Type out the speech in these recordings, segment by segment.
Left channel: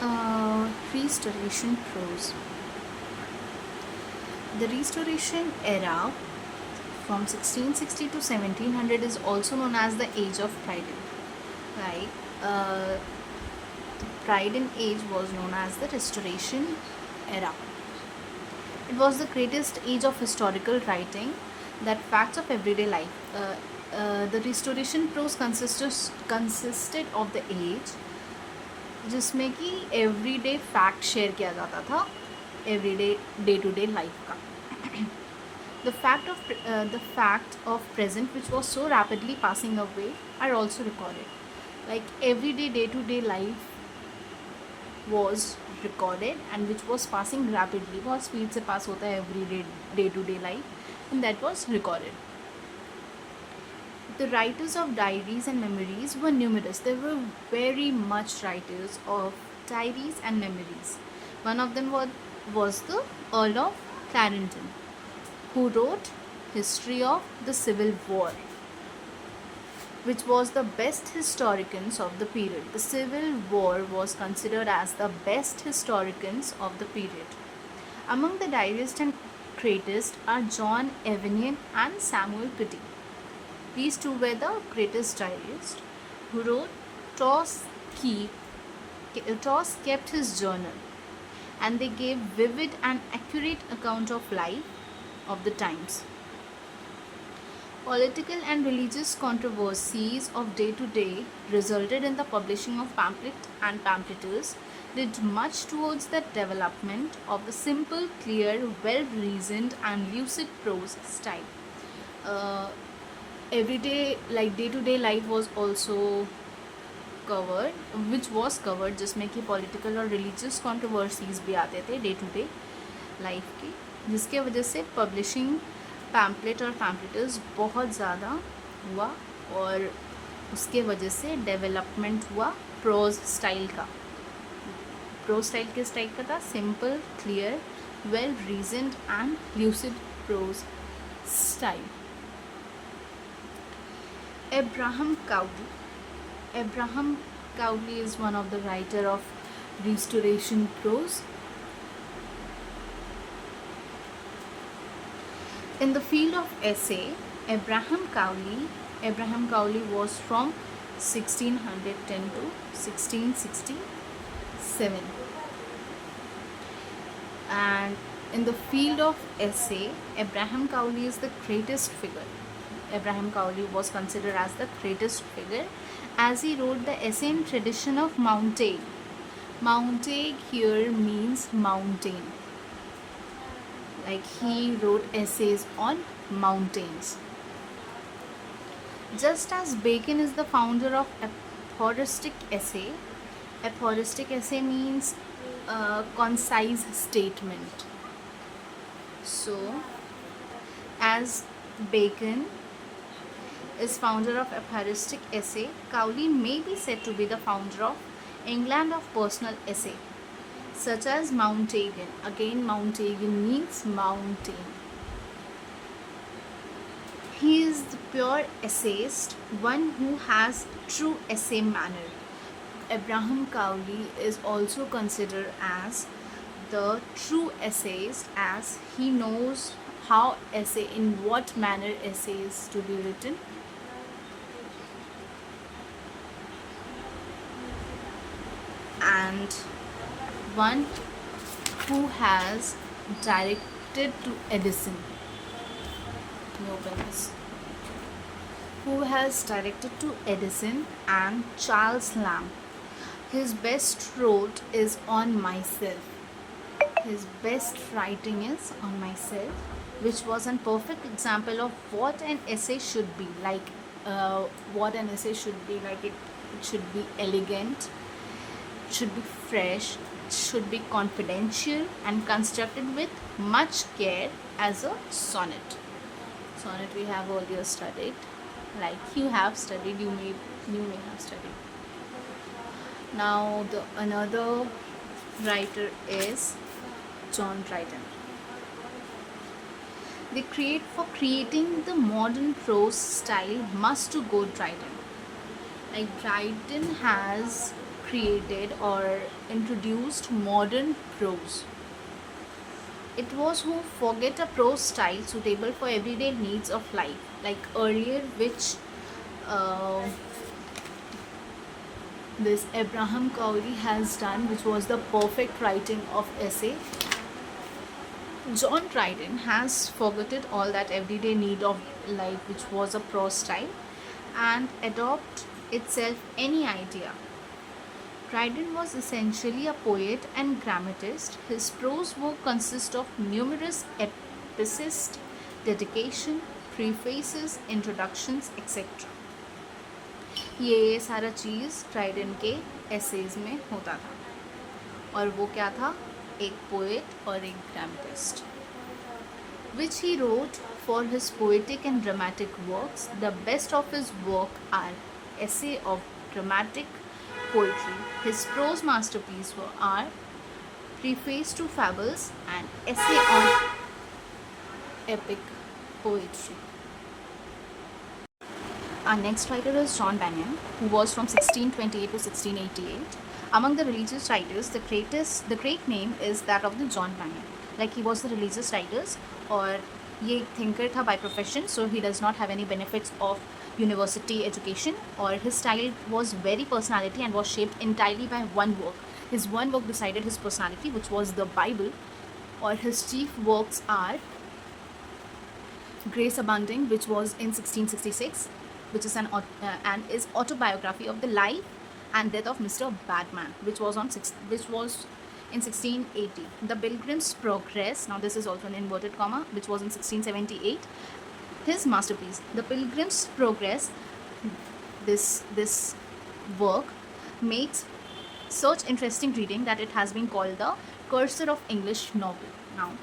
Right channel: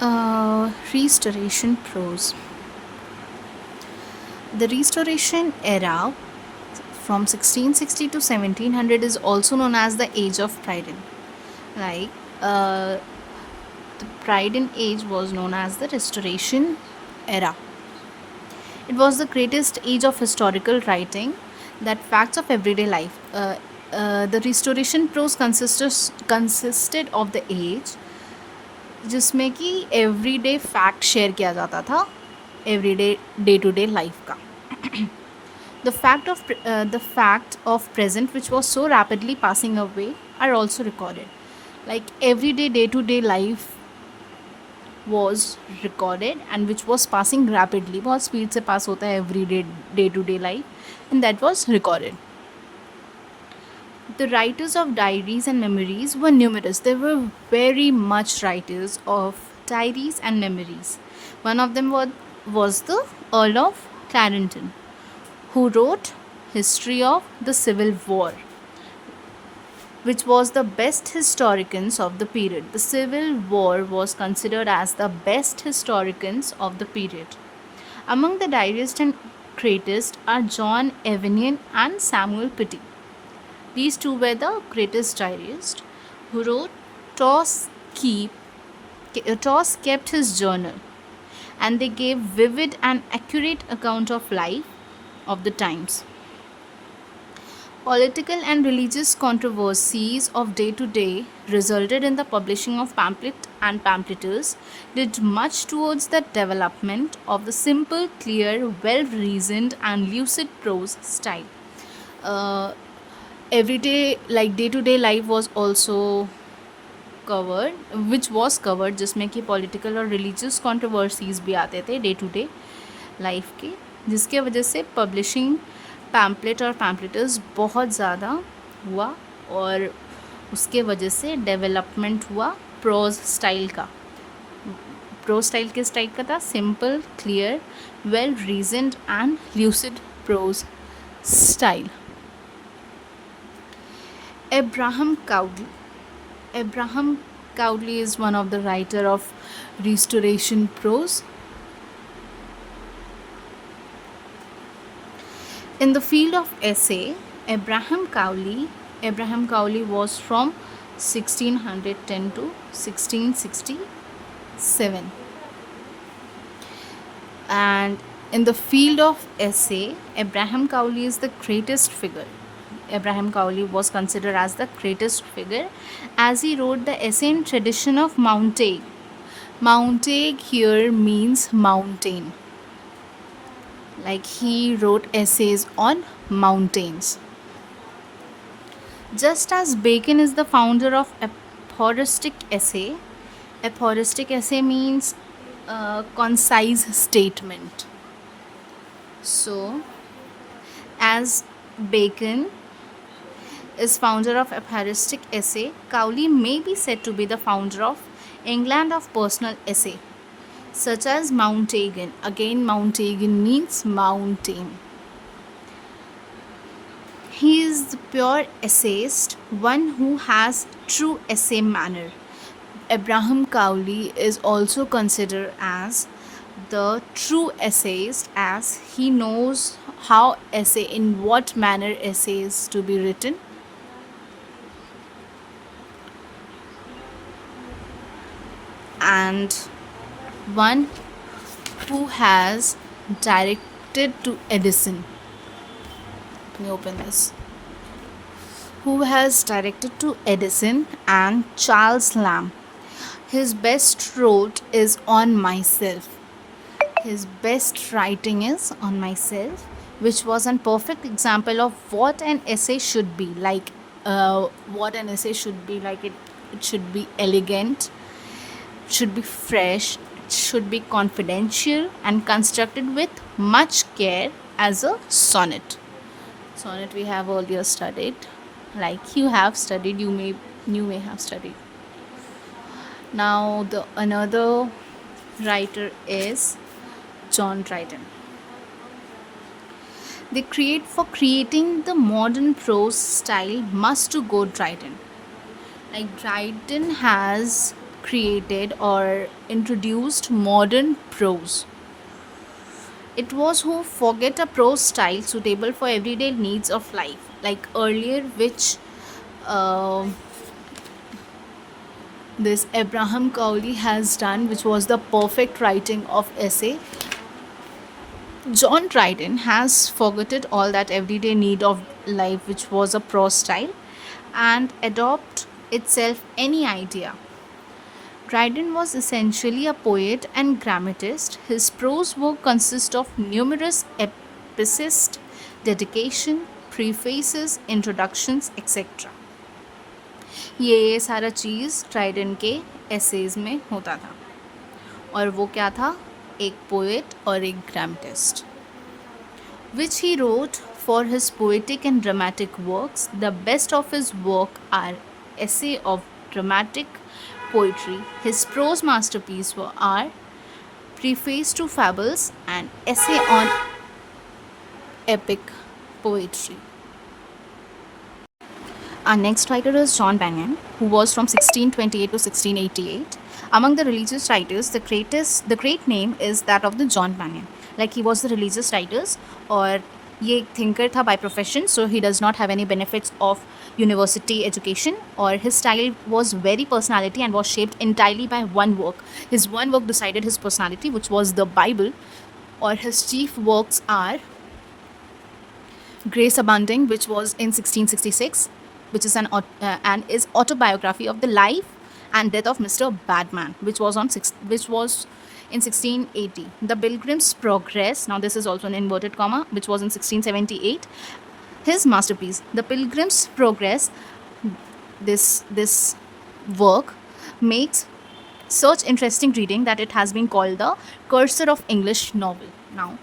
Restoration prose. The Restoration era from 1660 to 1700 is also known as the Age of Pride. Like uh, the Pride in Age was known as the Restoration era. It was the greatest age of historical writing, that facts of everyday life. The Restoration prose consisted of the age जिसमें कि everyday fact share किया जाता था, everyday day to day life का. The fact of present, which was so rapidly passing away, are also recorded. Like everyday day to day life was recorded, and which was passing rapidly, बहुत speed से पास होता है everyday day to day life, and that was recorded. The writers of diaries and memories were numerous. There were very much writers of diaries and memories. One of them was the Earl of Clarendon, who wrote History of the Civil War, which was the best historians of the period. The Civil War was considered as the best historians of the period. Among the diarists and critics are John Evanian and Samuel Pitti. These two were the greatest diarists who wrote. Keep, Toss kept his journal, and they gave vivid and accurate account of life of the times. Political and religious controversies of day to day resulted in the publishing of pamphlet, and pamphleteers did much towards the development of the simple, clear, well reasoned, and lucid prose style. Uh, Everyday, like day to day life was also covered, which was covered, जिसमें कि political और religious controversies भी आते थे day to day life के, जिसके वजह से पब्लिशिंग पैम्पलेट और पैम्पलेटर्स बहुत ज़्यादा हुआ, और उसके वजह से डेवलपमेंट हुआ प्रोज स्टाइल का. प्रोज स्टाइल किस टाइप का था? Simple, clear, well reasoned and lucid prose style. Abraham Cowley. Abraham Cowley is one of the writer of Restoration prose. In the field of essay, Abraham Cowley was from 1610 to 1667. And in the field of essay, Abraham Cowley is the greatest figure. Abraham Cowley was considered as the greatest figure, as he wrote the essay in tradition of Montaigne. Montaigne here means mountain. Like he wrote essays on mountains. Just as Bacon is the founder of aphoristic essay. Aphoristic essay means concise statement. So, as Bacon is founder of aphoristic essay, Cowley may be said to be the founder of England of personal essay, such as Montaigne. Again, Montaigne means mountain. He is the pure essayist, one who has true essay manner. Abraham Cowley is also considered as the true essayist, as he knows how essay, in what manner essays to be written. And one who has directed to Edison. Let me open this. Who has directed to Edison and Charles Lamb. His best wrote is On Myself. His best writing is On Myself, which was a perfect example of what an essay should be like. It should be elegant, should be fresh, should be confidential, and constructed with much care as a sonnet. Sonnet we have earlier studied, like you have studied, you may have studied. Now the another writer is John Dryden. For creating the modern prose style must to go Dryden. Like Dryden has created or introduced modern prose. It was who forget a prose style suitable for everyday needs of life, like earlier, which uh, this Abraham Cowley has done, which was the perfect writing of essay. John Dryden has forgotten all that everyday need of life, which was a prose style, and adopt itself any idea. Dryden was essentially a poet and grammatist. His prose work consists of numerous epistles, dedication, prefaces, introductions, etc. ये सारा चीज़ Dryden के essays में होता था, और वो क्या था, एक पोएट और एक ग्रामेटिस्ट, which he wrote for his poetic and dramatic works. The best of his work are essay of dramatic poetry. His prose masterpieces are Preface to Fables and Essay on Epic Poetry. Our next writer is John Bunyan, who was from 1628 to 1688. Among the religious writers, the great name is that of the John Bunyan. Like he was the religious writers, और ये एक thinker था by profession, so he does not have any benefits of university education, or his style was very personality and was shaped entirely by one work. His one work decided his personality, which was the Bible, or his chief works are Grace Abounding, which was in 1666, which is and is autobiography of the life and death of Mr. Badman, which was in 1680. The Pilgrim's Progress. Now this is also an inverted comma, which was in 1678. His masterpiece, The Pilgrim's Progress. This work makes such interesting reading that it has been called the cursor of English novel. Now,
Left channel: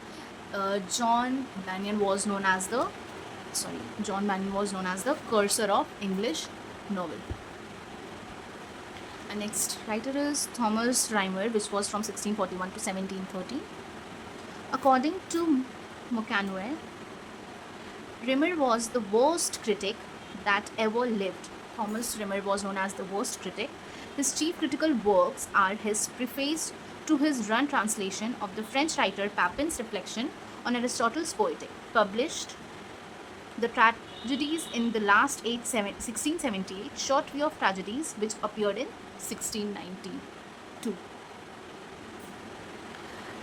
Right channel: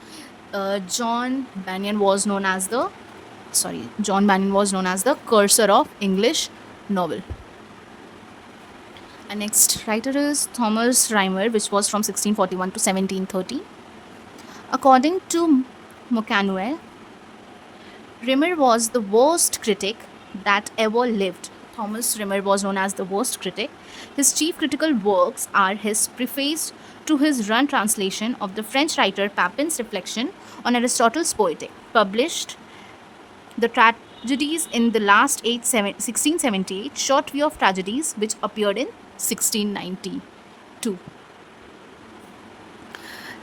John Bunyan was known as the cursor of English novel. And next writer is Thomas Rhymer, which was from 1641 to 1730. According to Mokanwe, Rimmer was the worst critic that ever lived. Thomas Rimmer was known as the worst critic. His chief critical works are his preface to his run translation of the French writer Papin's reflection on Aristotle's Poetic, published the Tragedies in the Last Age 1678, Short View of Tragedies, which appeared in 1692.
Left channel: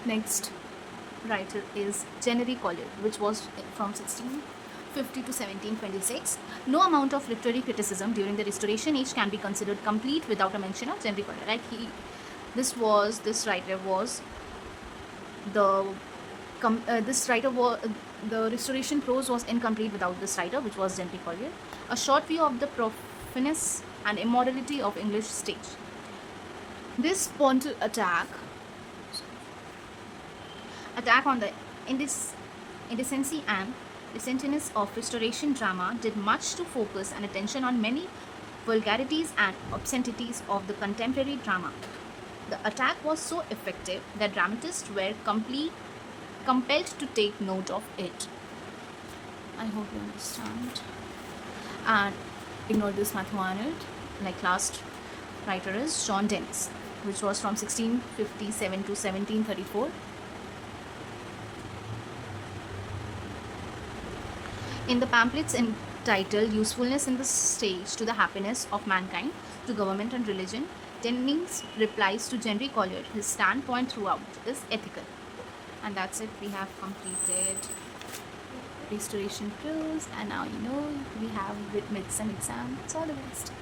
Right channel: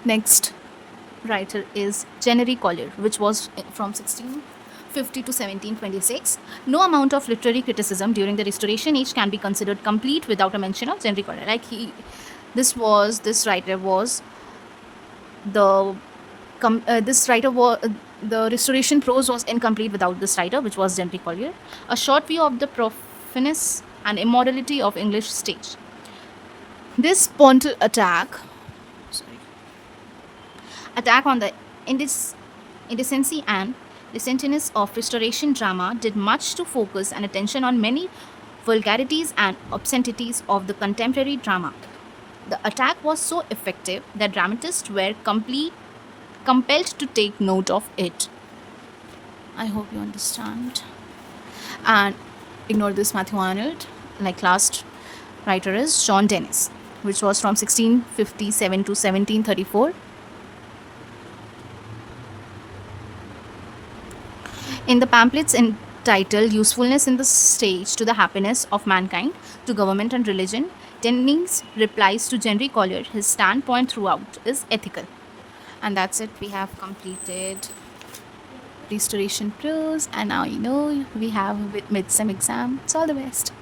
Next writer is Jennery Collier, which was from 1650 to 1726. No amount of literary criticism during the Restoration age can be considered complete without a mention of Jennery Collier. Like this writer was the the Restoration prose was incomplete without this writer, which was Jennery Collier. A short view of the profaneness and immorality of English stage. This pontifical attack on the indecency and licentiousness of Restoration drama did much to focus and attention on many vulgarities and obscenities of the contemporary drama. The attack was so effective that dramatists were compelled to take note of it. I hope you understand. And ignore this Matthew Arnold. Like last writer is John Dennis, which was from 1657 to 1734. In the pamphlets entitled Usefulness in the Stage to the Happiness of Mankind, to Government and Religion, Dennis replies to Jennery Collier. His standpoint throughout is ethical. And that's it. We have completed Restoration prose, and now we have with midsem exam. It's all the best.